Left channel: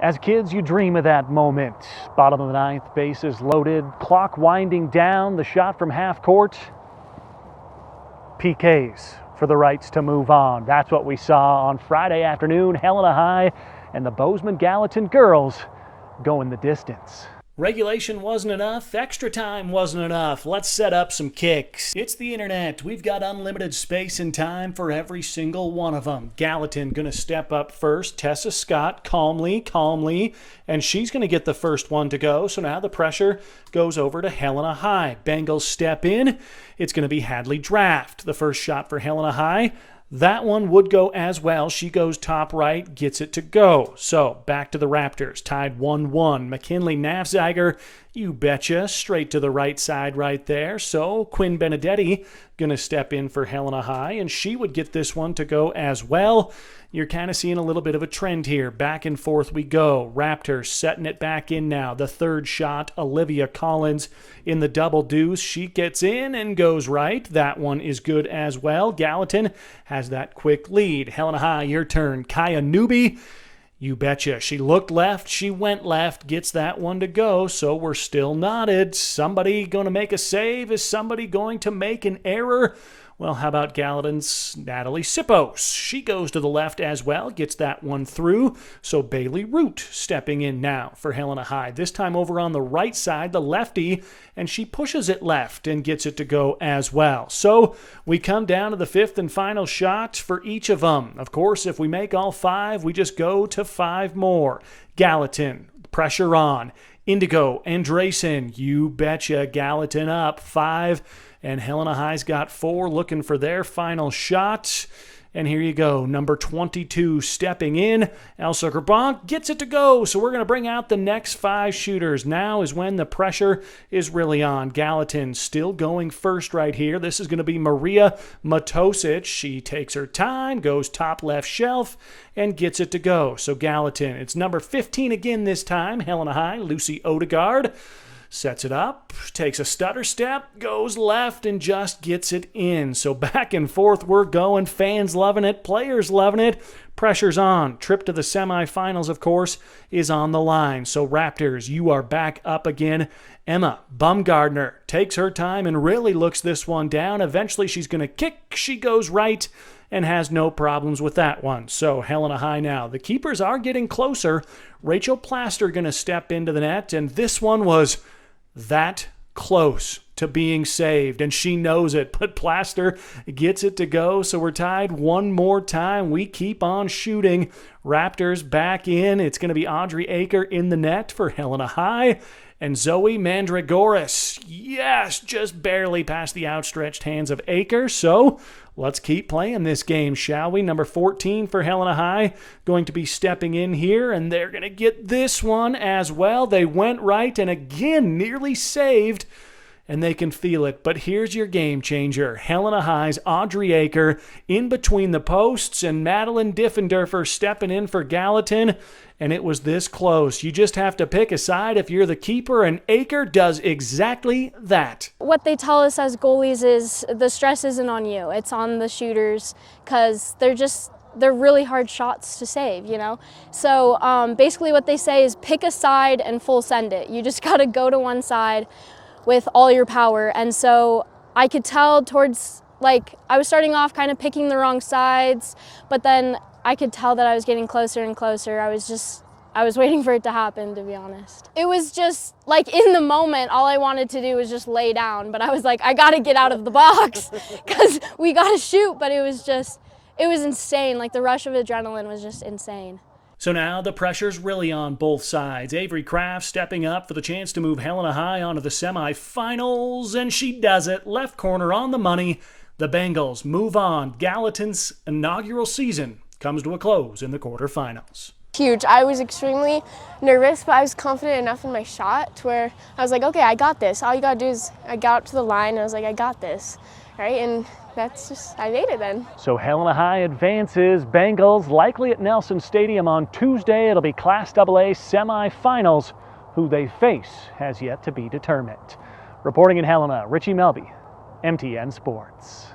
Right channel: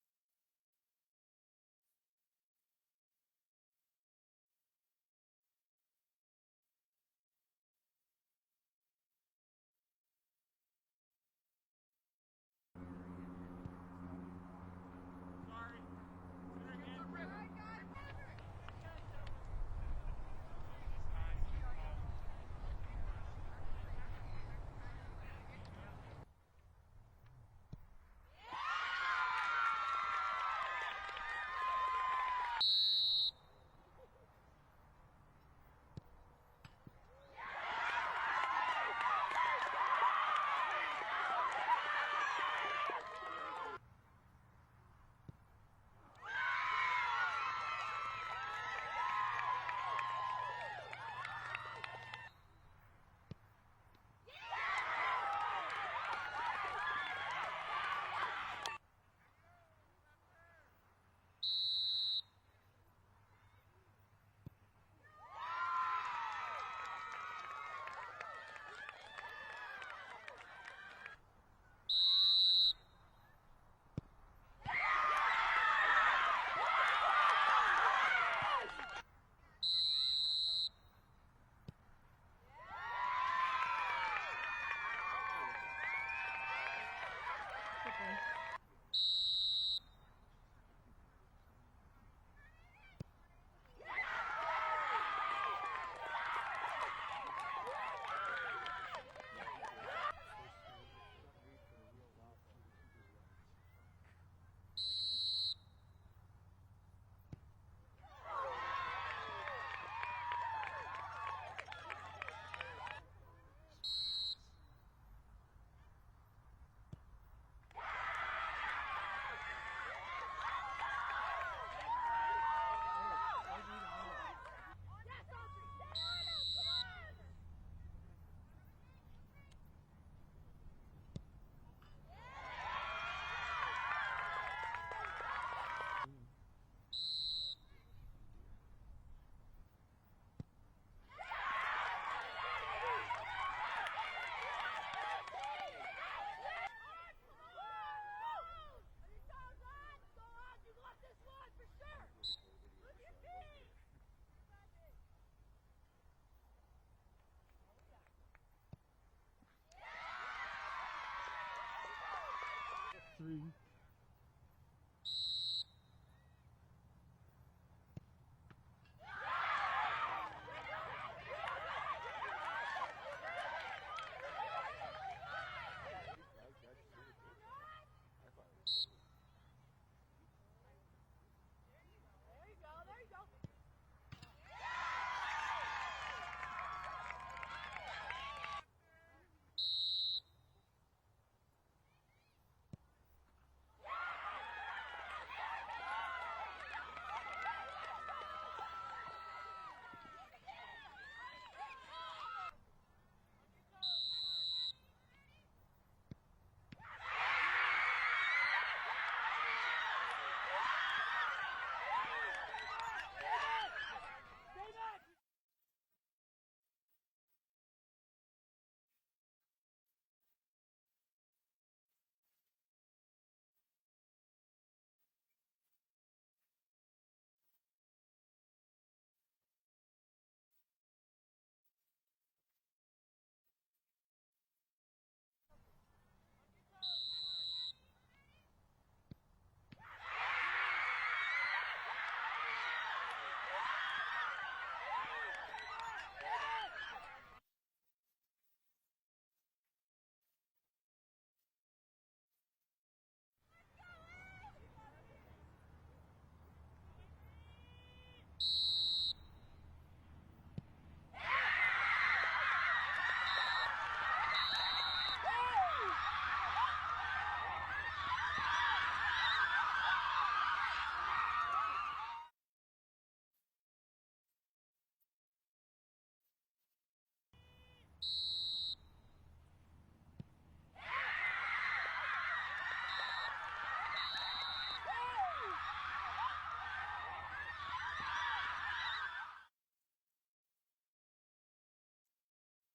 As kids, you dream of that moment. Bottom of the ninth, bases loaded, clock winding down, the shot from half court. PKs for the rights to move on. That's what we saw on Friday afternoon. Helena High and the Bozeman-Gallatin girls going the distance. Regulation wasn't enough, extra time wasn't enough. Let's set up some kicks. It's the internet. We've got unlimited space and time for every single one of them. Gallatin gonna step up first. Tessa Scott calmly, and she's gonna get the first one to go. So now the pressure goes over to Helena High. Bengals step in. It's gonna be Hadley Draft. The first shot for Helena High. That one would go as well. She goes top right, gets it to go. So back to the Raptors, tied 1-1. McKinley Nafziger, you betcha, straight to the right side right there. So Quinn Benedetti gonna step in for Helena High, and she would get this one to go as well. You're kind of seeing a little bit of a trend here. Back and forth we go. Raptors setting it back in now. The third shot, Olivia Collins in the double deuce. She gets in and goes right. That one is good as well. Gallatin has that quick lead. Helena High, your turn. Kaya Newby, you betcha. She looked left, she went left, gets that one to go, so we're still knotted. Somebody going to make a save? Is somebody going to make an error? Well, how about Gallatin's Natalie Sippos? She goes to the left as well, gets that one through. So Bailey Root stepping in now for Helena High. This time over on the right side, the lefty, and she pushes it left and gets it to go as well. So we come down to the fifth and final shot for each of them. Of course, if we make all five, we just go to five more. Gallatin, pressure on. Indigo, Andresen, you betcha. Gallatin up 5. And Helena High's got 4 looking for their final shot. And here you go, number 22 stepping in. Elsa Grabonk gets it to go. So we're going to bring out the next 5 shooters. Now is when the pressure is really on. Gallatin still going first right here. This is going to be Maria Matosic. She takes her time, goes top left shelf, and gets it to go. So Gallatin, it's number 15 again this time. Helena High, Lucy Odegaard. Sets it up, takes a stutter step, goes left, and just gets it in. So back and forth we're going. Fans loving it, players loving it. Pressure's on. Trip to the semifinals, of course, is on the line. So Raptors, you are back up again. Emma Bumgardner takes her time and really looks this one down. Eventually she's going to kick. She goes right and has no problems with that one. So Helena High now. The keepers are getting closer. Rachel Plaster going to step into the net, and this one was that close to being saved, and she knows it, but Plaster gets it to go, so we're tied one more time. We keep on shooting. Raptors back in. It's going to be Audrey Aakre in the net for Helena High, and Zoe Mandragoras, yes, just barely past the outstretched hands of Aakre, so let's keep playing this game, shall we? Number 14 for Helena High going to be stepping in here, and they're going to get this one as well. They went right and again nearly saved, and they can feel it. But here's your game changer. Helena High's Audrey Aakre in between the posts, and Madeline Diffenderfer stepping in for Gallatin. And it was this close. You just have to pick a side if you're the keeper, and Aakre does exactly that. What they tell us as goalies is the stress isn't on you, it's on the shooters, because they're really hard shots to save, you know? So basically what they say is pick a side and full send it. You just gotta go to one side with all your power. And so I could tell towards, I was starting off kind of picking the wrong sides, but then I could tell that I was getting closer and closer. I was waiting for it to happen, to be honest. It was just, in the moment, all I wanted to do was just lay down, but I was like, I gotta get out of the box, because we gotta shoot, but it was insane. The rush of adrenaline was just insane. So now the pressure's really on both sides. Avery Kraft stepping up for the chance to move Helena High onto the semifinals, and she does it. Left corner on the money. The Bengals move on. Gallatin's inaugural season comes to a close in the quarterfinals. Huge. I was extremely nervous, but I was confident enough in my shot to where I was like, okay, I got this. All you gotta do is, I got up to the line and I was like, I got this, right? And I made it then. So Helena High advances. Bengals likely at Nelson Stadium on Tuesday. It'll be Class AA semifinals. Who they face has yet to be determined. Reporting in Helena, Richie Melby, MTN Sports.